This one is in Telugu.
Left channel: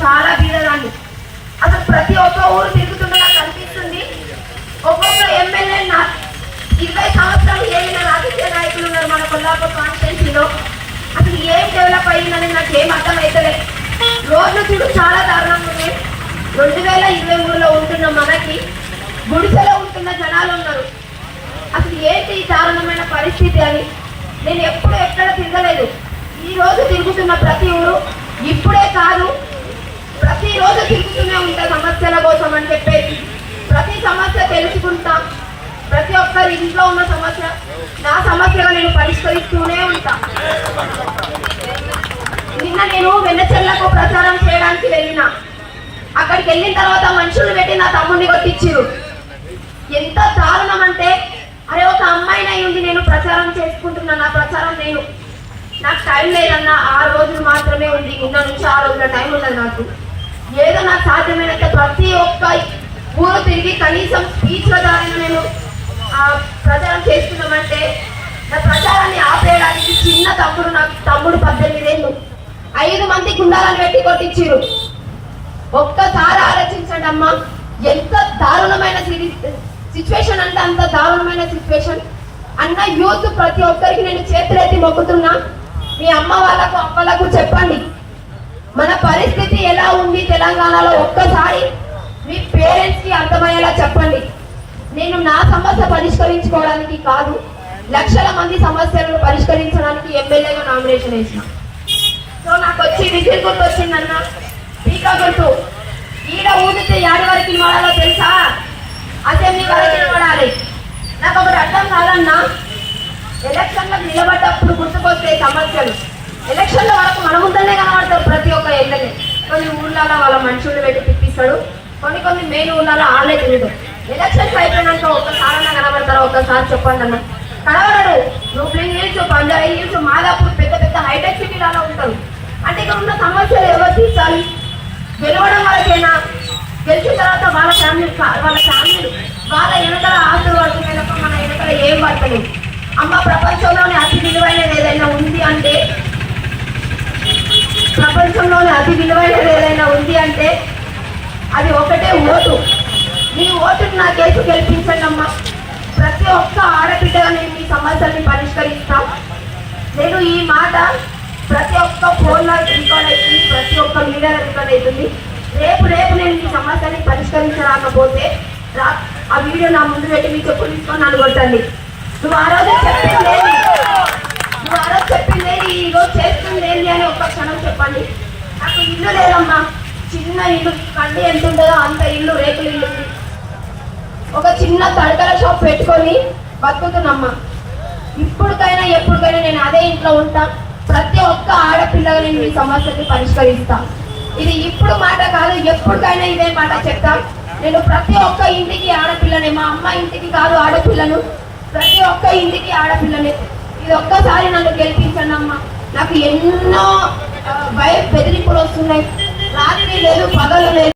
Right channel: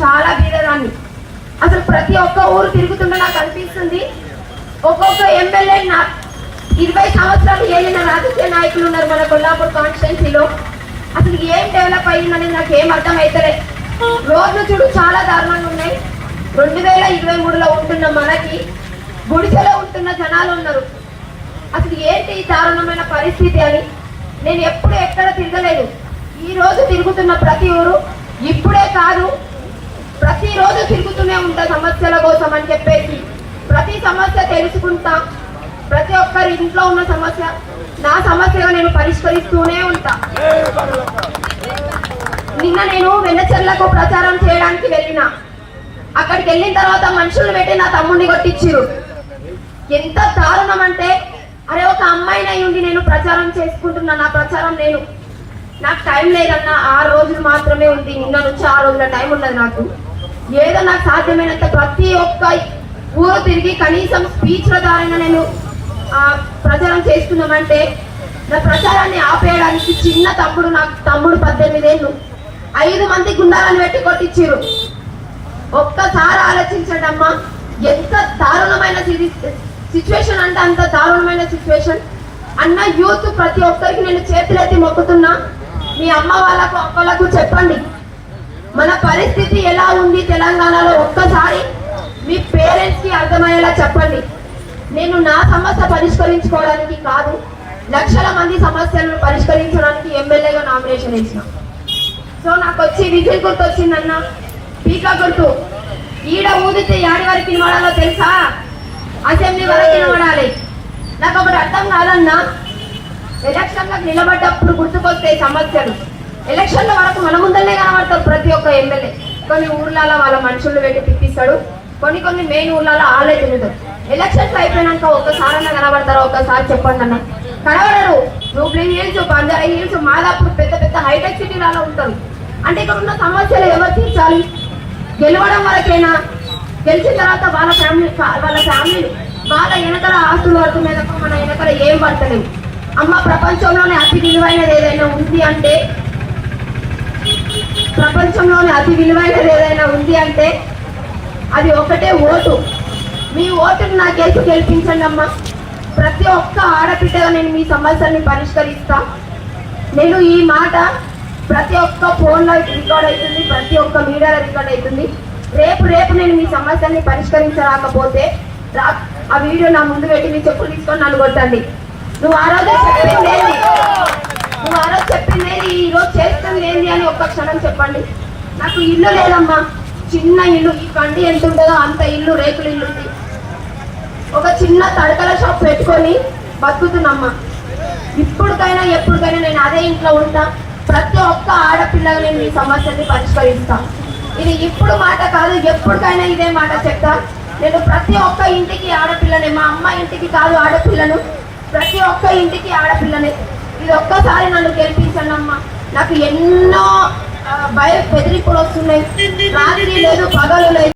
చాలా బీదదాన్ని అసలు ప్రతి ఒక్క ఊరు తిరుగుతుంటే నాకు అనిపిస్తుంది ఒక్కొక్క ఎమ్మెల్యే నా ఇరవై సంవత్సరాలు ఏలిన రాజకీయ నాయకులు ఉన్నారు మన కొల్లాపూర్ కాన్స్టిట్యున్సీలో. అసలు ఏం డెవలప్ అయ్యిందని నాకు ఏం అర్థం అవుతలే రోడ్లు చూడు చాలా దారుణంగా ఉన్నాయి. రెండు వేల ఇరవై మూడులో ఉంటున్న మనకి గుడిసెలో ఉంటున్న జనాలు ఉన్నారు. అసలు ఏంటి ఈ దారుణమైన పరిస్థితి అని నేను ఎప్పుడు ఎక్కడ తిరగలేదు. ఈ రోజు తిరుగుతున్న ప్రతి ఊరు ఇప్పుడే కాదు సమస్యల కోసం అని చెప్పేసి ప్రతి సమస్య తెలుసుకుంటా. ప్రతి ఒక్కరి ఇంట్లో ఉన్న సమస్య నా సమస్యను నేను పరిష్కరిస్తూనే ఉంటా. నిన్న నేను వెన్నచెల్లకు ప్రచారం చేయడానికి వెళ్ళిన. అక్కడికి వెళ్ళిన తర్వాత మనుషులు పెట్టి నా తమ్ముడిని కొట్టించిరు ఎంత దారుణం అంటే అరే ఒక అమ్మాయిని ఉంది నేను ప్రచారం చేసుకుంటున్నా నా ప్రచారం నేను. నాకు టైం లేదన్న ఆ రోజు మాత్రమే ఉంది. నిన్న నుంచి ఆ రోజుల టైం ఉన్నది నాకు. ఏదో నాకు సాధ్యమైనంత ప్రతి ఒక్క ఊరు తిరిగి కనీసం స్పీచ్ల ద్వారా నేను ప్రచారం చేస్తున్నామంటే నా ప్రచారాన్ని ఆపేయడానికి చిన్న తప్పుడు నాకు తమ్ముడు పద్దెనిమిదేళ్ళు ఐదు మంది గుండాలను పెట్టి కొట్టించారు ఒక్కసారి ఆలోచించండి అమ్మా ఎంత దారుణమైన సిచ్యువేషన్ అంటే అంత దారుణమైన సిచ్యువేషన్ అన్న యూత్ ప్రతి ఒక్కరికి నేను చేతులెత్తి మొక్కుతున్నా. మీ అమ్మ వాళ్ళకు అప్పలకు చెప్పండి. మన పరిస్థితి ఎలా ఉంది తెలంగాణలో? ఒక్కసారి మీ పేరెంట్స్కి అర్థమయ్యేలా చెప్పండి. నేను నా సమస్య పరిష్కరించుకోవడానికి కాదు లక్షల మంది సమస్యలను పరిష్కరించడానికి ఎమ్మెల్యేగా నామినేషన్ వేసిన. సో నాకు వచ్చి విజిల్ గుర్తు వచ్చిందన్న పీకా గుర్తు. ఈడ ఊదితే యాడి వరకు వాడాలో తెలుసా? అసెంబ్లీ వరకు వాడాలి నాకు ఒకటి అర్థం కాదన్నా. ఎలక్షన్లకు నిలబడ్డప్పుడు గుర్తుకొస్తాయి సమస్యలు. ఎలక్షన్లో వరకు ప్రతి ఒక్క ఎమ్మెల్యే కొన్ని ఊర్లలో వాళ్ళ మనుషులు పెట్టి తిప్పిస్తాడు కొన్ని కొన్ని మెయిన్ ఊర్లలో ఆళ్ళే తిరుగుతాడు ఎలక్షన్స్ అయిపోయినాక ఒక్కసారైనా కనబడతారా? ఒక్కసారి చెప్పండి అన్న. కనబడరు. నువ్వు హిల్స్ బంజారా హిల్స్ మాదాపూర్ పెద్ద పెద్ద హైటెక్ సిటీలలో ఉంటారు. అంటే ఇక్కడ ఉన్న సమస్యలు ఎవరు తీర్చాలి? గెలవడం వరకైనా? గెలిచిన తర్వాత వాళ్ళ ఫ్యామిలీ వాళ్ళ ఫ్యామిలీలు వాళ్ళ వెనకల ఆస్తులు పడుతున్నాయి తప్ప మన వెనకల ఏం పడతలేదు. అమ్మ ప్రపంచంలోనే అతి విలువైనది ఏదైనా ఉంది అంటే ప్రపంచంలోనే అతి విలువైనది ఏదైనా ఉంది అంటే అది ఒకటే ఓటు. మీ ఓటును నాకు కేసు గెలిపించండి అమ్మా ప్రతి ఒక్క ఆడబిడ్డ నేను మీ సమస్యల్ని పరిష్కరిస్తా. నేను ఈ మాట ప్రతి ఒక్క ఫోన్లో రికార్డ్ అవుతుంది ప్రతి ఒక్క మీడియాలో రికార్డ్ అవుతుంది. రేపు రేపు నేను మీ సమస్యని పరిష్కరించరాకపోతే రా- ఆ వీడియో నా ముందు పెట్టి మీ చెప్పు తీసుకొని నన్ను కొట్టండి. నువ్వు ఆ రోజు చెప్పింది ఏంది? నువ్వు ఆ రోజు చెప్పింది ఏంది? ఈ రోజు చేస్తుంది అని ఒక్క క్షణం చెప్పండి. నాకు ఇల్లు లేదమ్మా. చిన్న ఇల్లు. ఈ ఎంత ఉండదో అంత ఇల్లు రేకులు ఇల్లు ఉంది. ఒక చిన్న తడకల షాప్ పెట్టుకొని బతుకుతున్నమ్మా. ఇప్పటికైనా ఎప్పటికైనా నేను అదే ఇంట్లో ఉంటా. ప్రతి ఒక్క ఆడపిల్లగా నేను ఈ సమస్యని పరిష్కరిస్తా. ఇది ఇప్పుడు మాట కాదు ఎప్పటికైనా ఇదే మాట చెప్తా. నేను ప్రతి ఒక్క ఇంటికి ఆడపిల్లనే మా అమ్మ ఇంటికి కాదు ఆడపిల్లను. ప్రతి ఒక్క ఇంటికి ఆడపిల్లనే. ఇది ఒక్కసారి నన్ను గెలిపించండి అమ్మా నాకు ఎన్నో ఆ, భయ బెదిరింపులు వస్తున్నాయి. రాత్రి లేదు పగలు లేదు.